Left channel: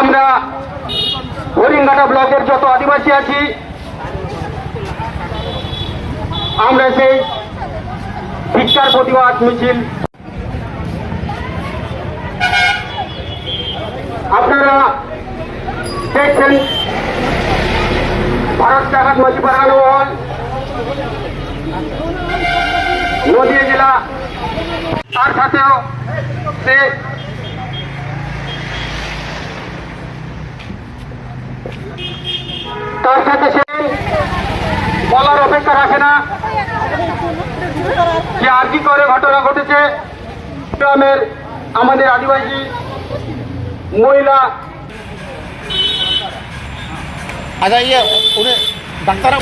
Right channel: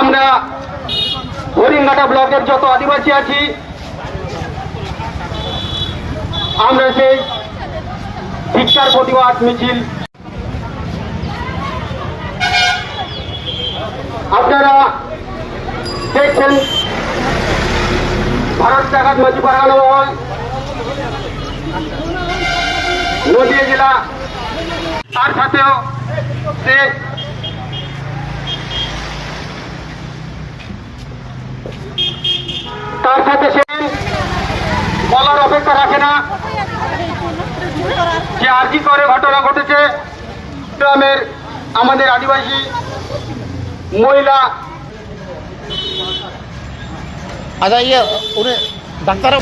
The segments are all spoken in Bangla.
আমরা হরিণঘাটা ব্লকের যত আদিবাসী আছি, আমরা সেই ভিক্ষার প্রতিবাদ মিছিল। আপনারা দেখছেন, ভারত জাগাত মাঝি বাগানো মহল নদীয়া জেলা, তার সাথেও সে তার সাথে সে বলার অপেক্ষা রাখে না। যে আর কি করে ঘটনা ঘটেছে, গ্রামের আমাদের আদিবাসী মহিলা আচ্ছা ইয়ে ডাক্তার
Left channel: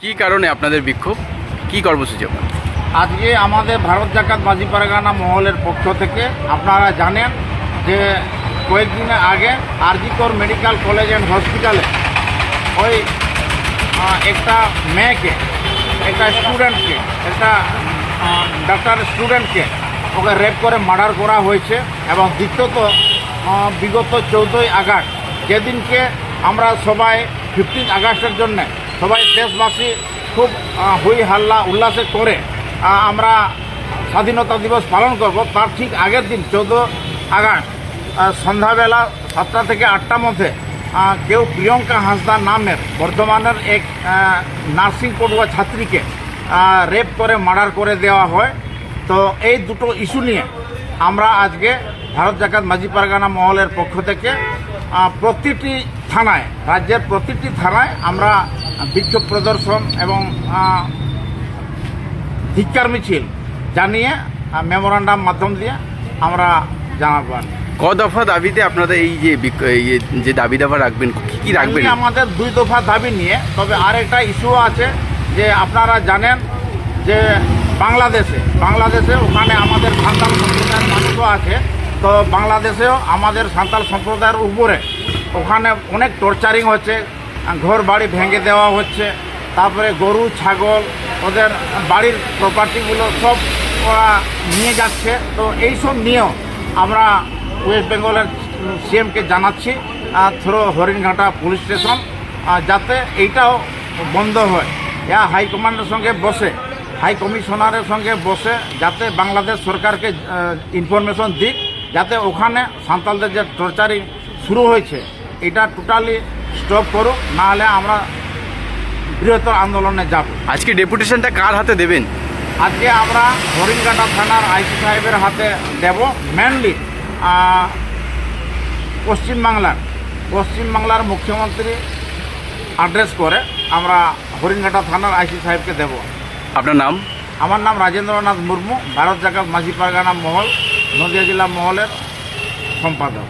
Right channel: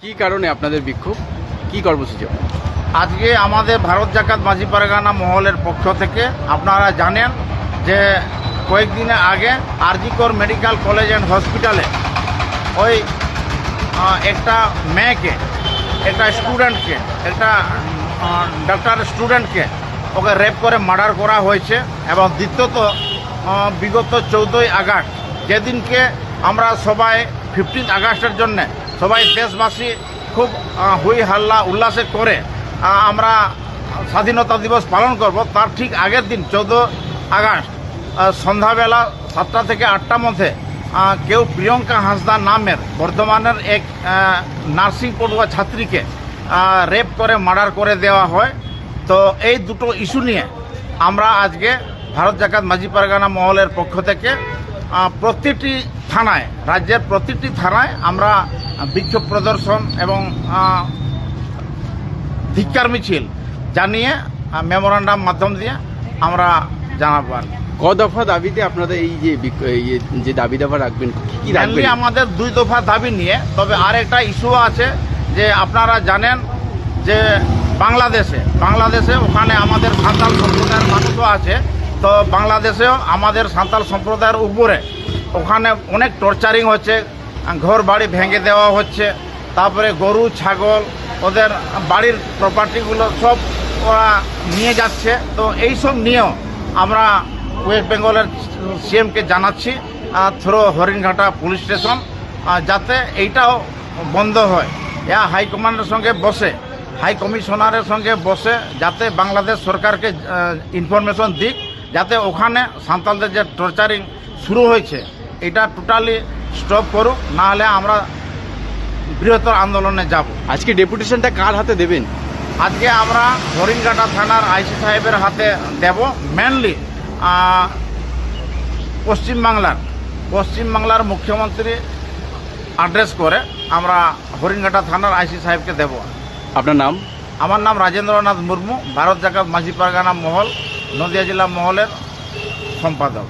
কি কারণে আপনাদের বিক্ষোভ? কি কর্মসূচি আপনার আজকে আমাদের ভারত জাকাত মাঝি পারগানা মহলের পক্ষ থেকে আপনারা জানেন যে কয়েকদিন আগে আরজিকর মেডিকেল কলেজ অ্যান্ড হসপিটালে ওই একটা মেয়েকে, একটা স্টুডেন্টকে, একটা ডাক্তার স্টুডেন্টকে ওকে রেপ করে মার্ডার করা হয়েছে এবং দ্বিতীয়ত বিগত চৌদ্দই আগস্ট যেদিনকে আমরা সবাই ফিফটিন আগস্টের জন্যে সবাই দেশবাসী খুব হুই হাল্লা উল্লাসে করে আমরা স্বাধীনতা দিবস পালন করব। তার ঠিক আগের দিন, চৌদ্দ আগস্ট সন্ধ্যাবেলা সাতটা থেকে আটটা মধ্যে কেউ প্রিয়ঙ্কা হাঁসদা নামের বর্ধমানের এক নার্সিং পড়ুয়া ছাত্রীকে রেপ করে, মার্ডার করে দেওয়া হয়। তো এই দুটো ইস্যু নিয়ে আমরা আজকে ভারত জাকাত মাঝি পারগানা মহলের পক্ষ থেকে প্রতিটি থানায় রাজ্যের প্রতিটি থানায় আমরা বিক্ষোভ প্রদর্শন এবং ধিক্কার মিছিল জানিয়ে মেমোরান্ডাম মাধ্যম দিয়ে আমরা জানাব আর কি। দফা দাবিতে আপনাদের এই যে যে দাবি দাবা রাখবেন কি কি রাখবেন আমাদের দুই দফা দাবি নিয়ে তবে আরেকটা ইস্যু আছে যে আপনারা জানেন যে বাংলাদেশে বাংলাদেশে ওখানে আমাদের সাঁতাল সম্প্রদায়ের মানুষও আছে তো বাংলাদেশেও আমাদের সাঁতাল সম্প্রদায়ের উপরে ওখানে অনেক টর্চারিং হচ্ছে, ঘর বাড়ি ভেঙে দেওয়া হচ্ছে, তারপরে গরু, ছাগল, ওদের বাড়ির প্রপার্টিগুলো সব ওরা নিয়ে যাচ্ছে। তো এই সব নিয়েও আমরা ওয়েস্ট বেঙ্গলের সিএমকে জানাচ্ছি থ্রো হরিণঘাটা পুলিশ স্টেশন যাতে এইটাও বন্ধ হয়। ইয়া হাইকমান্ডের সঙ্গে বসে, হাই কমিশনারের সঙ্গে বসে যাতে বাংলাদেশ সরকারকে ইনফরমেশন দিক। যাতে ওখানে সাঁতালদের যে টর্চারিং শুরু হয়েছে এটা টোটালি স্টপ করুক নাহলে আমরা বৃহত্তর আন্দোলনে যাব। আজকে ডেপুটেশনটা কার হাতে দেবেন? আজকে আমরা হরিণঘাটা থানার আইসি সাহেবের হাতে দেব মেনলি পশ্চিমবাংলার পশ্চিমবাংলার মুখ্যমন্ত্রী অ্যাড্রেস করে আমরা হরিণঘাটা থানার আইসি সাহেবকে দেব। আপনার নাম? আমার নাম রাজেন্দ্রনাথ মুর্মু ভারত জাকাত মাঝি পারগানা মহল নদিয়া জেলা মহলের সম্পাদক।